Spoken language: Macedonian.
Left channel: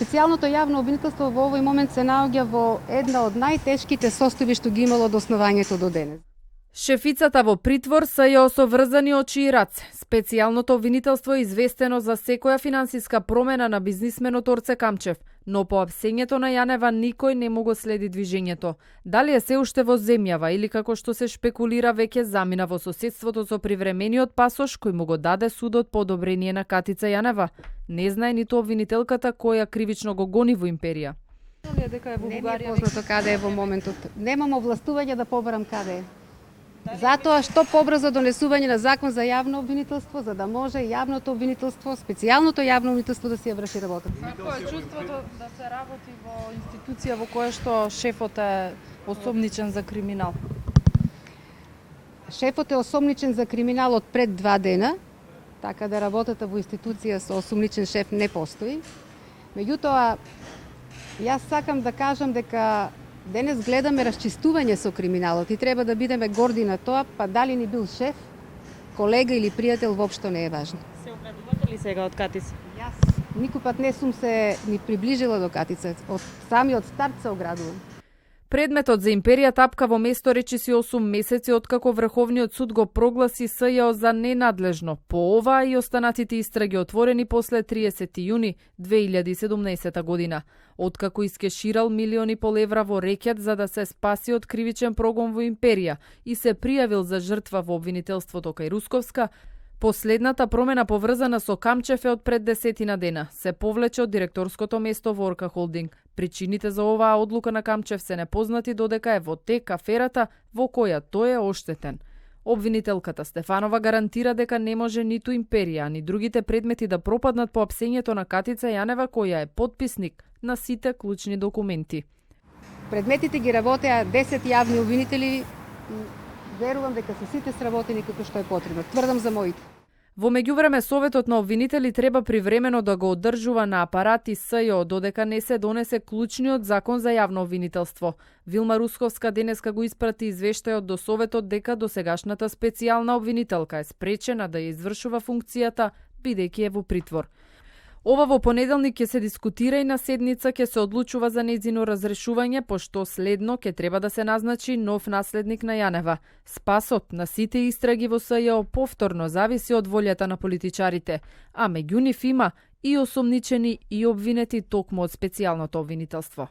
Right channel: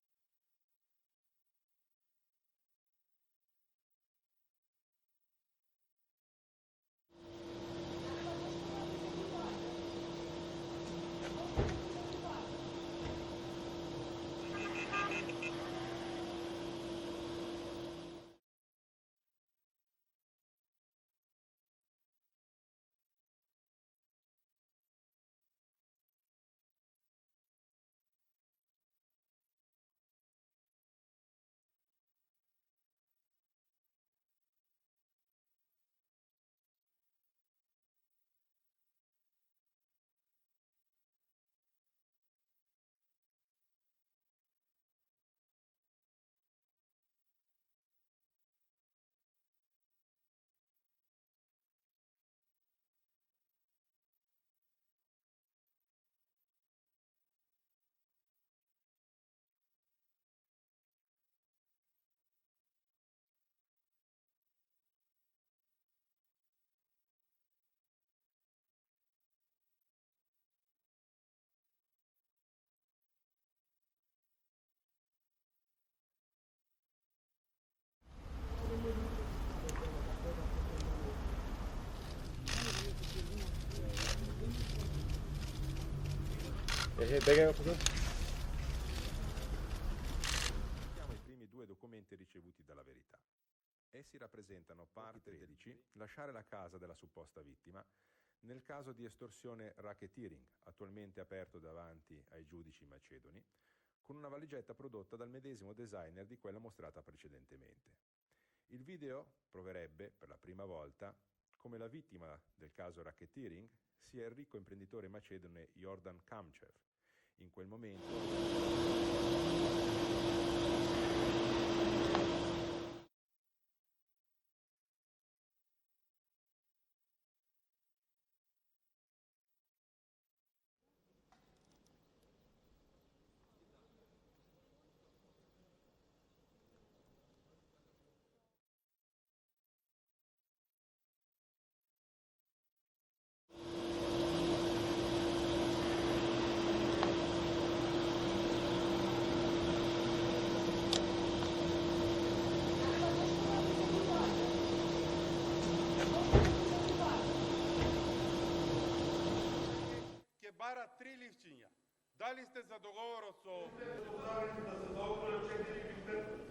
Специјалното јавно обвинителство во овој момент се наоѓа во една од најтешките состојби што ги имало од основањето до денес. Шефицата во притвор СЈО со врзани очи и раце. Специјалното обвинителство е известено за секоја финансиска промена на бизнисменот Орце Камчев, но по апсењето на Јанева никој не му го следи движењето. Дали е се уште во земјава или како што се шпекулира веќе замина во соседството со привремениот пасош кој му го даде судот по одобрение на Катица Јанева, не знае ниту обвинителката која кривично го гони во империја. Не ми е познато каде е во моментот. Немам овластување да побарам каде е. Затоа што побрзо донесување на закон за јавно обвинителство, за да може јавното обвинителство, специјалното јавно обвинителство да си ја врши работата. Како е чувството да се работи во институција во која што шефот е осомничен за криминал? Шефот е осомничен за криминал од пред 2 дена, така да работата во институција со осомничен шеф не постои. Меѓутоа, јас сакам да кажам дека денес гледаме расчистување со криминалот и треба да бидеме горди на тоа, па дали ни бил шеф, колега или пријател, воопшто не е важно. Се оградувате ли сега од Катица? Јас никој пат не сум се ни приближила до Катица, од самиот старт се оградувам. Предметот за империја тапка во место речиси 8 месеци откако Врховниот суд го прогласи СЈО за ненадлежно. По ова и останатите истраги отворени после 30 јуни 2017 година. Откако искеширал милиони пол евра во рекет за да се спаси од кривичен прогон во империја и се пријавил за жртва во обвинителството кај Русковска, последната промена поврзана со Камчев е од пред 10 дена. Се повлече од директорското место во Орка Холдинг. Причините за оваа одлука на Камчев се непознати додека е во тек аферата во која тој е оштетен. Обвинителката Стефанова гарантира дека не може ниту империја, ни другите предмети да пропаднат по апсењето на Катица Јанева, која е потписник на сите клучни документи. Предметите ги работеа 10 јавни обвинители. Верувам дека се сите сработени како што е потребно. Тврдам за моите. Во меѓувреме, Советот на обвинители треба привремено да го одржува на апарати СЈО додека не се донесе клучниот закон за јавно обвинителство. Вилма Русковска денеска го испрати извештајот до Советот дека досегашната специјална обвинителка е спречена да ја извршува функцијата бидејќи е во притвор. Ова во понеделник ќе се дискутира и на седница ќе се одлучува за нејзино разрешување, пошто следно ќе треба да се назначи нов наследник на Јанева. Спасот на сите истраги во СЈО повторно зависи од волјата на политичарите, а меѓу нив има и осомничени и обвинети токму од специјалното обвинителство.